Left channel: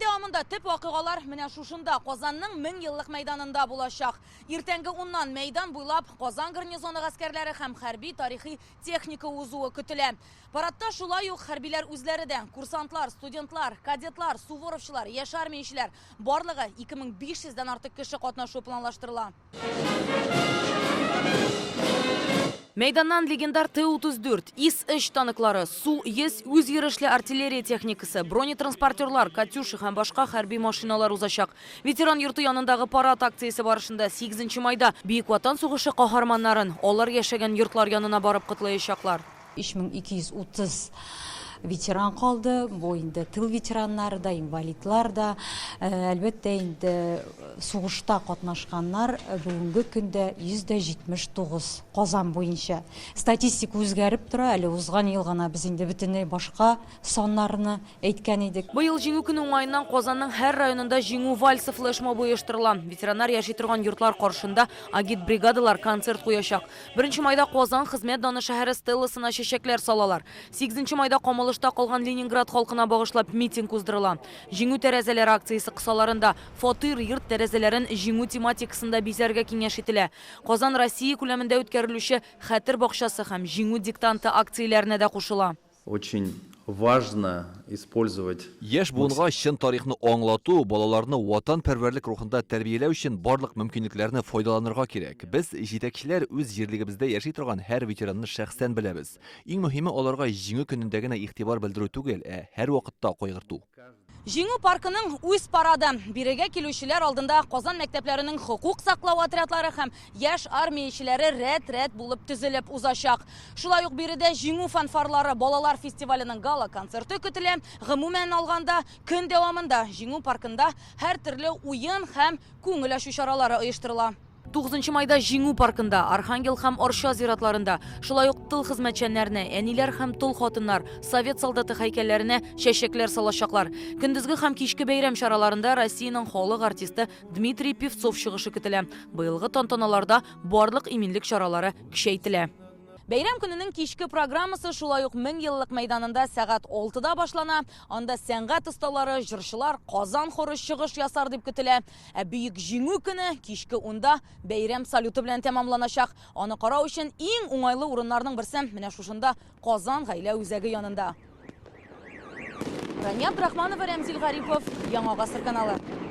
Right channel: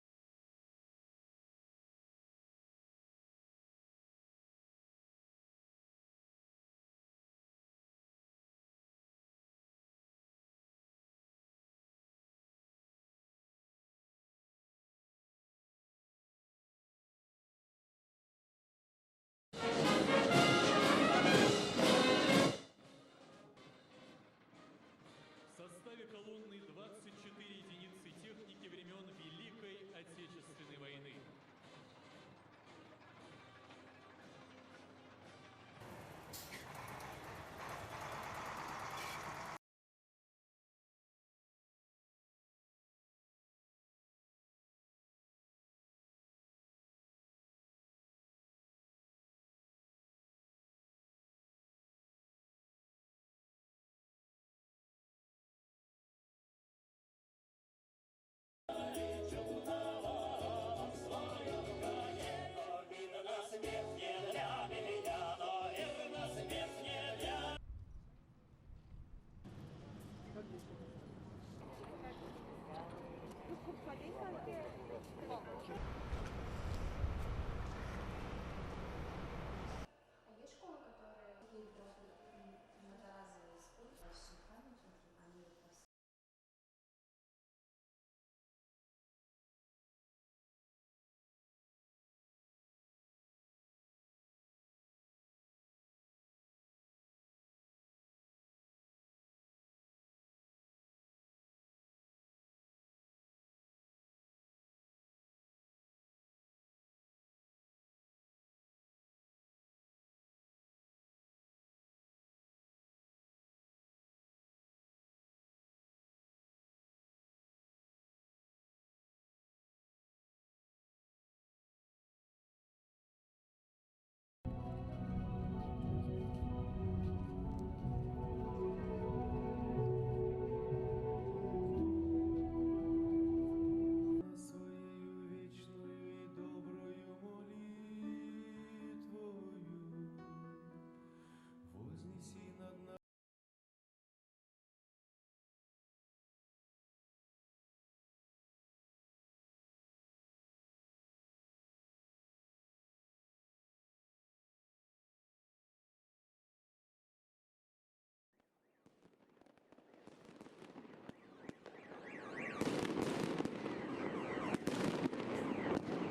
devamında tip vakıgalar менә шушында Казанның 1000 еллык мәйданында булачак. Иртәнге 10-нан мәйдан буйлап Казан гарнизоны гаскәрләре һәм хәрби тарихи техника узуы көтелә. Парадта шулай ук хәрбиләр үзләре дә, курсантлар, студентлар, кадетлар, суворовчылар, яшь армиячеләр барлыгы 2500-дән артык кеше катнашу планлаштырыла. Мейданнан легендар Т-34, ИС-3 танклары, Су-100 үзйөрешле артиллерия техникасы, бронетранспортерлар, Катюша һәм башка хәрби машиналар узачак. Ветеран йорты янындагы парад акциясе барышында 8 майда Бөек Ватан сугышы каһарманнарын алар яшәгән йортлар янына барып котлаячаклар. 3230 ветеран қалды, бу инде тыл ветераннары да, инвалидлар да, әлбәттә инде сугышта катнашканнар бүгенге көндә 179 Казан буенча. Статистика үзгәреп тора, әле узган ел гына без инде бөтенләй башка саннарны әйткән идек. Быел җиңү көне уңаеннан Казанның һәр районында җиңү вальсы флешмобы оештырыла. Ветераннар яши торган йортлар каршында агит бригадалар концерт куячак. 1 майда Казан хезмәт даны шәһәре стелласына чәчәкләр салалар. 8 майда Камалышта калган Ленинград халкына багышлап митинг уздырыла. Җиңү тәрәзәләре акциясе кысаларында фатир йорт тәрәзәләрен җиңү тематикасында бизәргә киңәш ителә. Казан Россия күләмендә үткәрелүче хәтер бакчасы һәм җиңү диктанты акцияләренә дә кушыла. Очень важно использовать. Яшь буынга чын тарихны аңлату, балаларны ватанпәрвәрлек рухында тәрбияләү өчен барлык мөмкинлекләрне файдаланырга кирәк. Без җитәкчеләр үз җирлегебездә яши торган һәр ветеранны шәхсән беләбез. Иң мөһиме аларга җиңү көнендә генә игътибар белдерү түгел, һәр вакытта кайгырту. Җиңү паркының үз парады бирегә килүчеләр алдында Казан мәктәпләренең хукук саклау отрядлары һәм яшь армиячеләре рәт-рәт булып төзелеп узачак. Шулай ук биредә җиңү фанфарлары балалар фестиваленең гала концерты көтелә. Гомумән алганда көн дәвамында җиңү паркында һәр төрле уен һәм күңел ачу чаралары оештырыла. 9 майда җиңү паркында, Архангел һәм Орша зиратларында, шулай ук тыл хезмәтчәннәренә, әниләр һәм тол хатыннар, совет солдаты һәйкәлләренә чәчәкләр салачаклар. Көндезге һәм кичке бәйрәм чараларында Россиянең халык артисты Дмитрий Певцов чыгышы көтелә. Быелгы тантаналарда барлык иминлек чаралары көчәйтелә. Бәйрәм көненең кичке программасы шулай ук 1000 еллык мәйданында сәгать 6-да башлана. Анда сәнгать осталары, җырчылар, Казан хоры чыгыш ясар дип көтелә. Бөек җиңү көне кичке 10-да бәйрәм салюты белән тәмамланачак. Аны карау өчен иң уңайлы урыннарның берсе менә шушында Казан гаилә үзәге янында. Рәмия Абдрахманова, Рәмзил Гарипов, Яңа Гасыр каналы.